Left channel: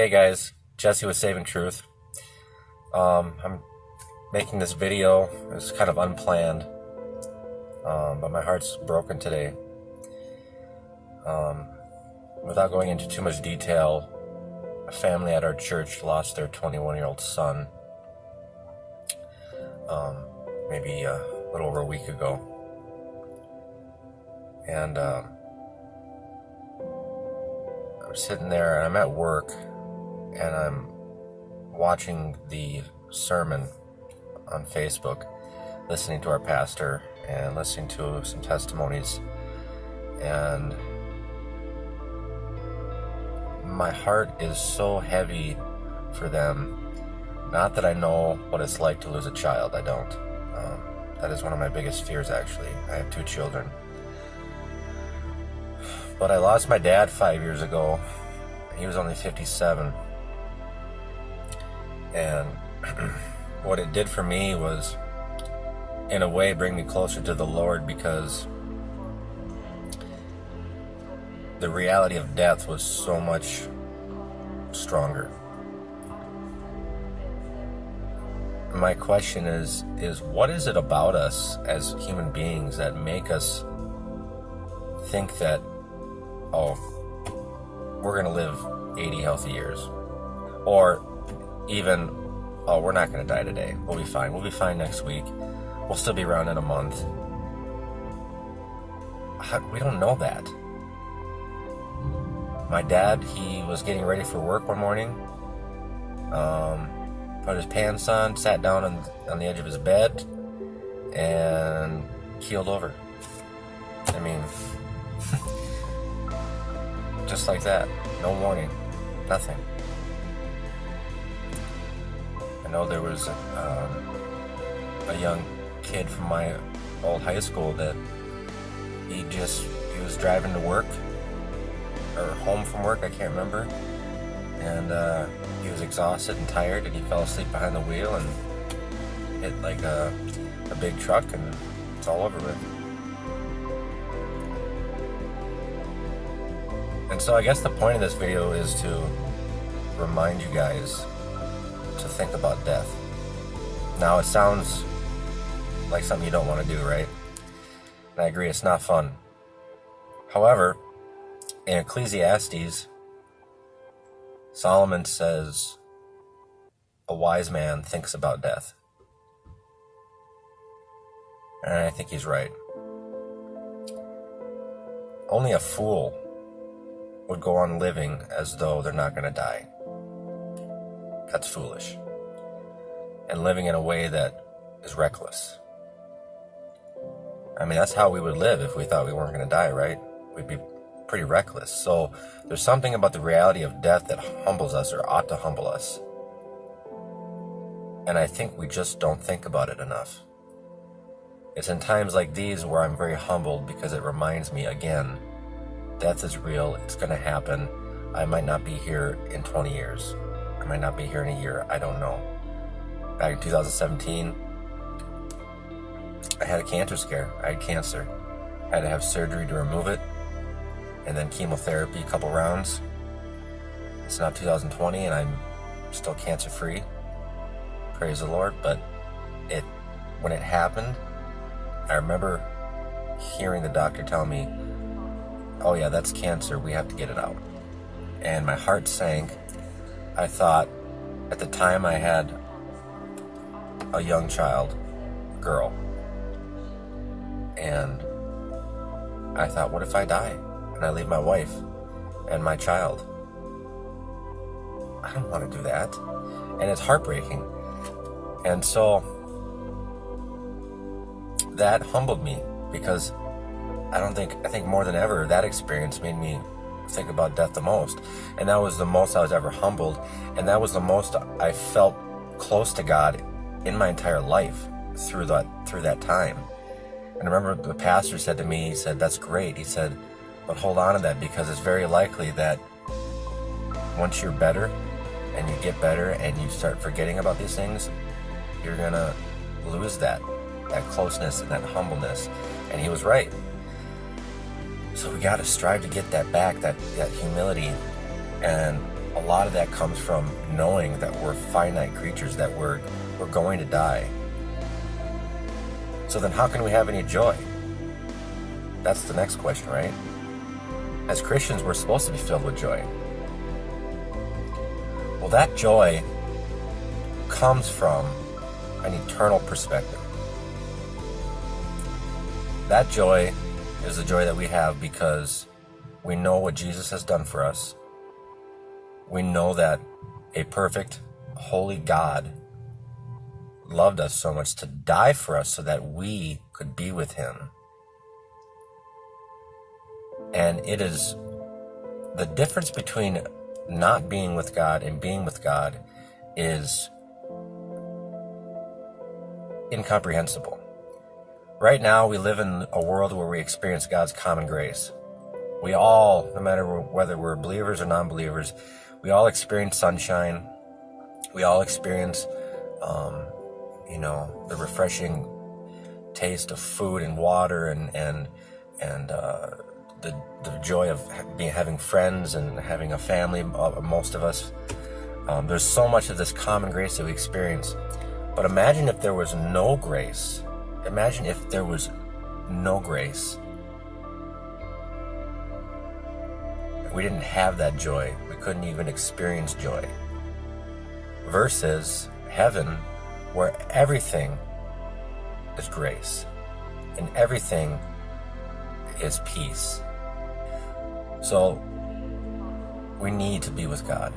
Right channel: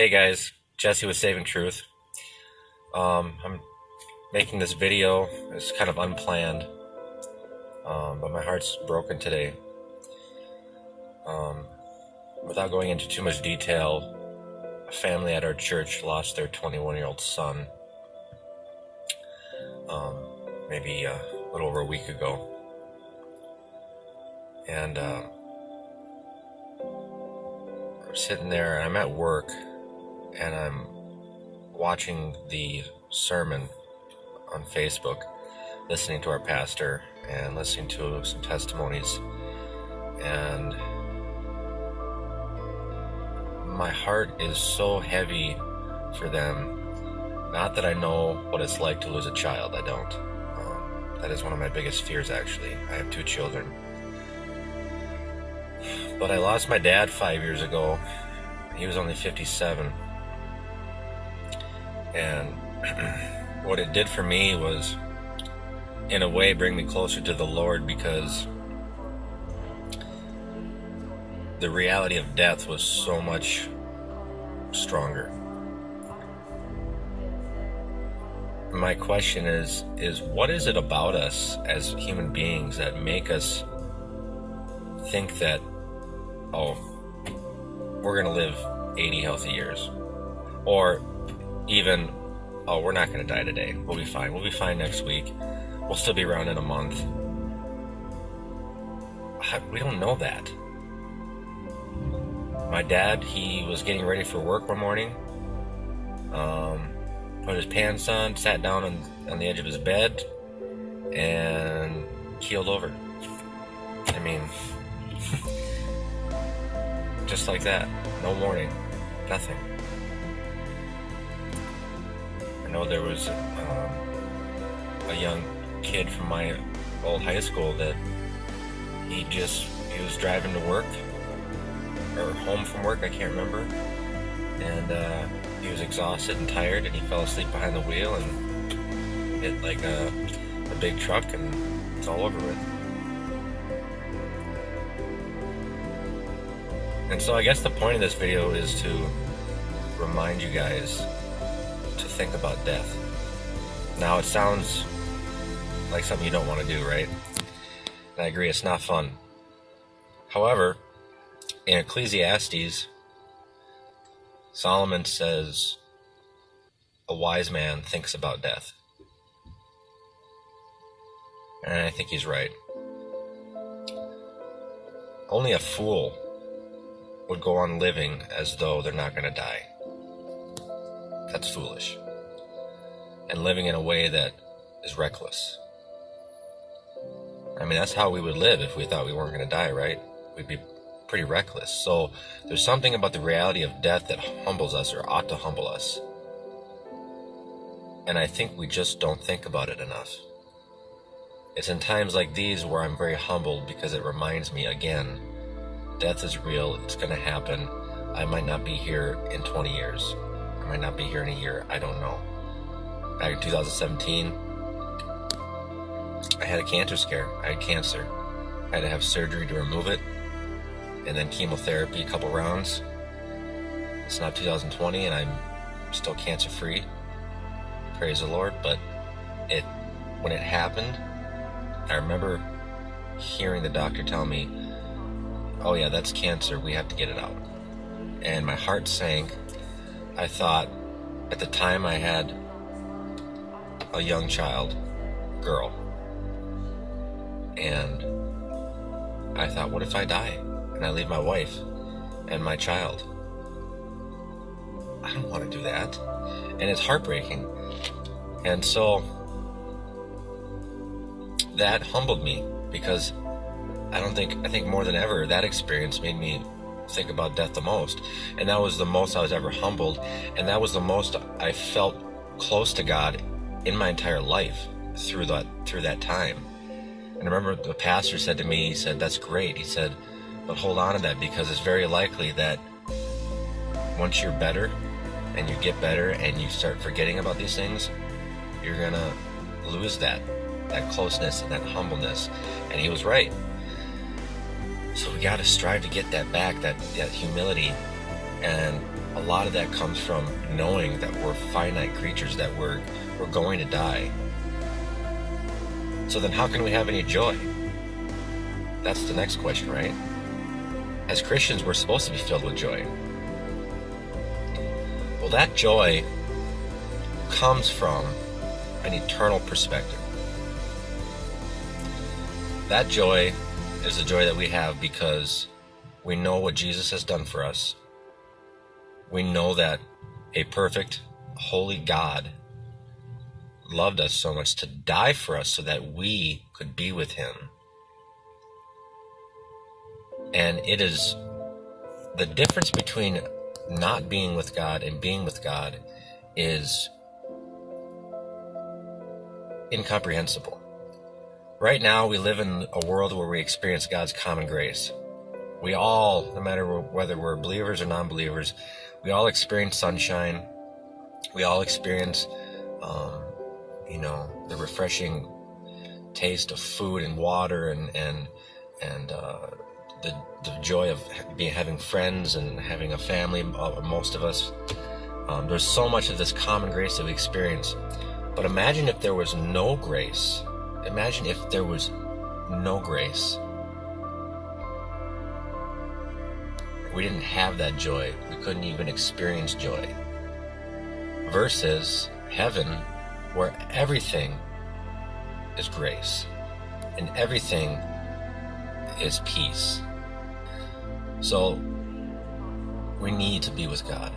Hey guys, Jesse with Saving Truth. I'm making this video. It's kind of unplanned, but my heart's broken today. Without going into too much detail, a family at our church lost their 21-year-old son maybe a little over a week ago. And I'm sitting there, and I'm at work, and I'm watching the sermon on Facebook, listening to our pastor and listening to some testimonies, and my heart is so heavy for them. Not that I know what it's like to lose a child, I don't. That is one of my biggest fears, actually. I have 2 children. But I lost my dad 5 years ago. He was only 57. And what it did for me was, in a way, bring me closer to the Lord, because the reality of death was so much stronger. My question is what is it about us as human beings that make us think that, oh, we're going to live 80 healthy years? Or even, oh, we're not going to die today. We'll be fine. We'll be fine next week. We'll still be around in a month. We don't know that. My dad, he was getting ready for work one morning. Put his pants on, sat down on the edge of his bed, and keeled over. I mean, just like that. No warning. Nothing. I know there was a young kid from my old high school that he was driving to work or home from work, I can't remember, and he was exhausted and tired, and he fell asleep behind the wheel and hit like a big truck, and it's all over with. And so I guess the point of this video is to remind you guys to think about death. Now, it sounds like something you don't want to do, right? And I agree, it's not fun. However, in Ecclesiastes, Solomon says, a wise man thinks about death. And I think he's right. Only a fool would go on living as though they're not going to die. That's foolish. And living in a way that is reckless. I mean, that's how we would live if we thought we weren't going to die, right? We'd be pretty reckless. So there's something about the reality of death that humbles us, or ought to humble us. And I think we just don't think about it enough. It's in times like these where I'm very humbled, because it reminds me again, death is real, it's going to happen. I might not be here in 20 years. I might not be here in a year, I don't know. Back in 2017, I had a cancer scare. I had cancer. I had to have surgery to remove it, and then chemotherapy, a couple rounds. It's now 2020, and I'm still cancer-free. Praise the Lord. But when it happened, I remember hearing the doctor tell me, oh yeah, that's cancer, we have to get it out. And my heart sank. I thought, at the time I had a young child, girl, and I thought, what if I die and I leave my wife and my child? I don't want to do that. And it's heartbreaking. And so that humbled me, because I think more than ever, that experience made me think about death the most. And that was the most I was ever humbled, and that was the most I felt close to God in my entire life through that time. And I remember the pastor said to me, he said, that's great. He said, but hold on to that, because it's very likely that once you're better and you get better and you start forgetting about these things, you're gonna lose that closeness and that humbleness. And he was right. So we got to strive to get that back, that humility. And a lot of that comes from knowing that we're finite creatures, that we're going to die. So then how can we have any joy? That's the next question, right? As Christians, we're supposed to be filled with joy. Well, that joy comes from an eternal perspective. That joy is the joy that we have because we know what Jesus has done for us. We know that a perfect, holy God loved us so much to die for us so that we could be with him. And it is the difference between not being with God and being with God is incomprehensible. Right now, we live in a world where we experience God's common grace. We all, no matter whether we're believers or non-believers, we all experience sunshine. We all experience, the refreshing taste of food and water, and the joy of having friends and having a family. Most of us, there's so much of this common grace that we experience. But imagine if there was no grace. Imagine if there was no grace. We didn't have that joy. We couldn't even experience joy. Versus heaven, where everything is grace and everything is peace. So we need to be with God.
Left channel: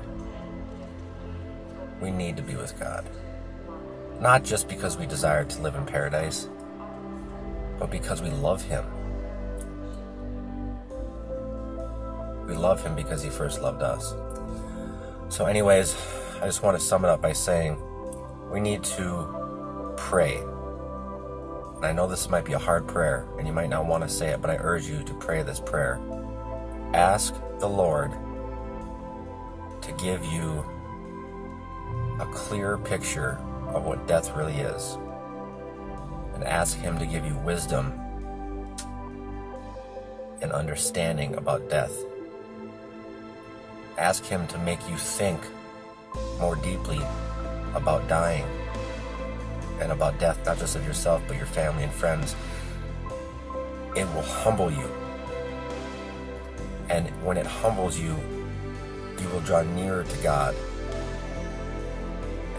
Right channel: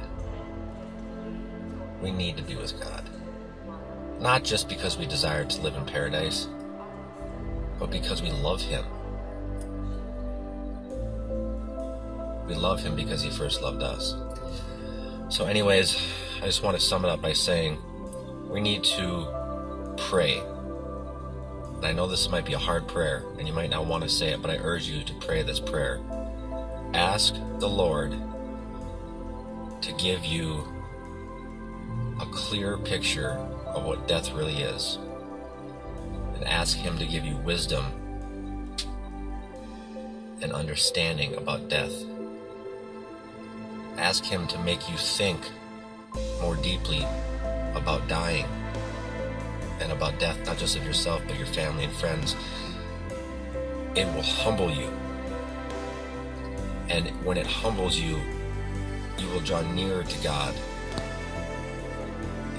We need to be with God. Not just because we desire to live in paradise, but because we love him. We love him because he first loved us. So anyways, I just want to sum it up by saying we need to pray. And I know this might be a hard prayer, and you might not want to say it, but I urge you to pray this prayer. Ask the Lord to give you a clear picture of what death really is. And ask him to give you wisdom and understanding about death. Ask him to make you think more deeply about dying and about death, not just of yourself, but your family and friends. It will humble you. And when it humbles you, you will draw nearer to God.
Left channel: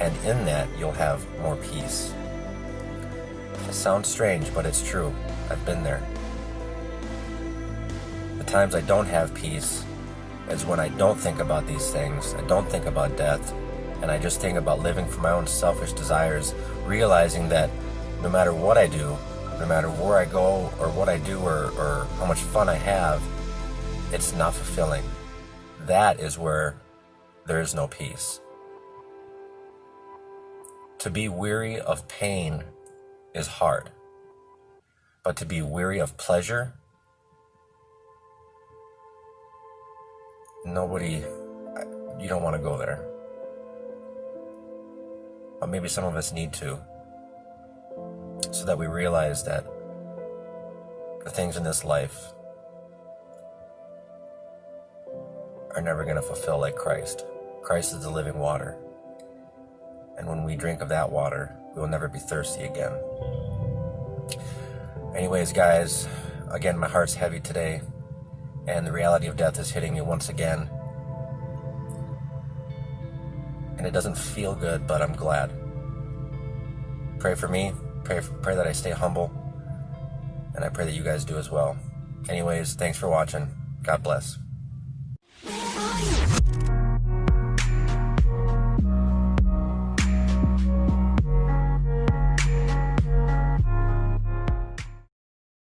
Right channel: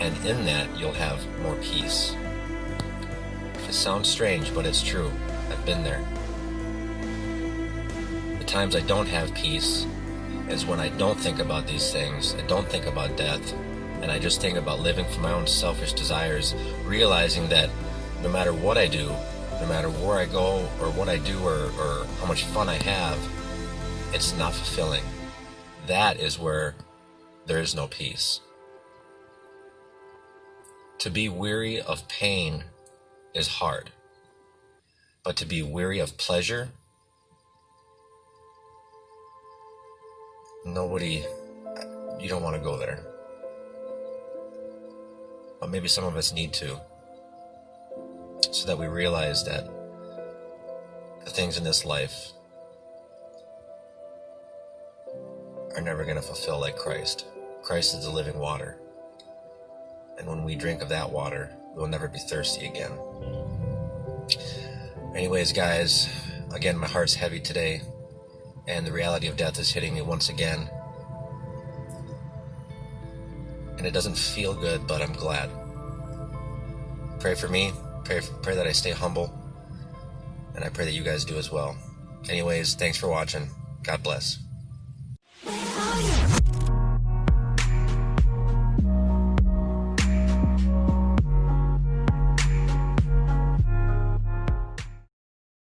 And in that, you'll have more peace. It sounds strange, but it's true. I've been there. The times I don't have peace is when I don't think about these things. I don't think about death. And I just think about living for my own selfish desires, realizing that no matter what I do, no matter where I go or what I do or how much fun I have, it's not fulfilling. That is where there is no peace. To be weary of pain is hard, but to be weary of pleasure, you don't want to go there. But maybe some of us need to, so that we realize that the things in this life are never going to fulfill like Christ. Christ is the living water. And when we drink of that water, we will never be thirsty again. Anyways, guys, again, my heart's heavy today, and the reality of death is hitting me once again. And it doesn't feel good, but I'm glad. Pray for me. Pray that I stay humble. And I pray that you guys do as well. Anyways, thanks for watching. God bless.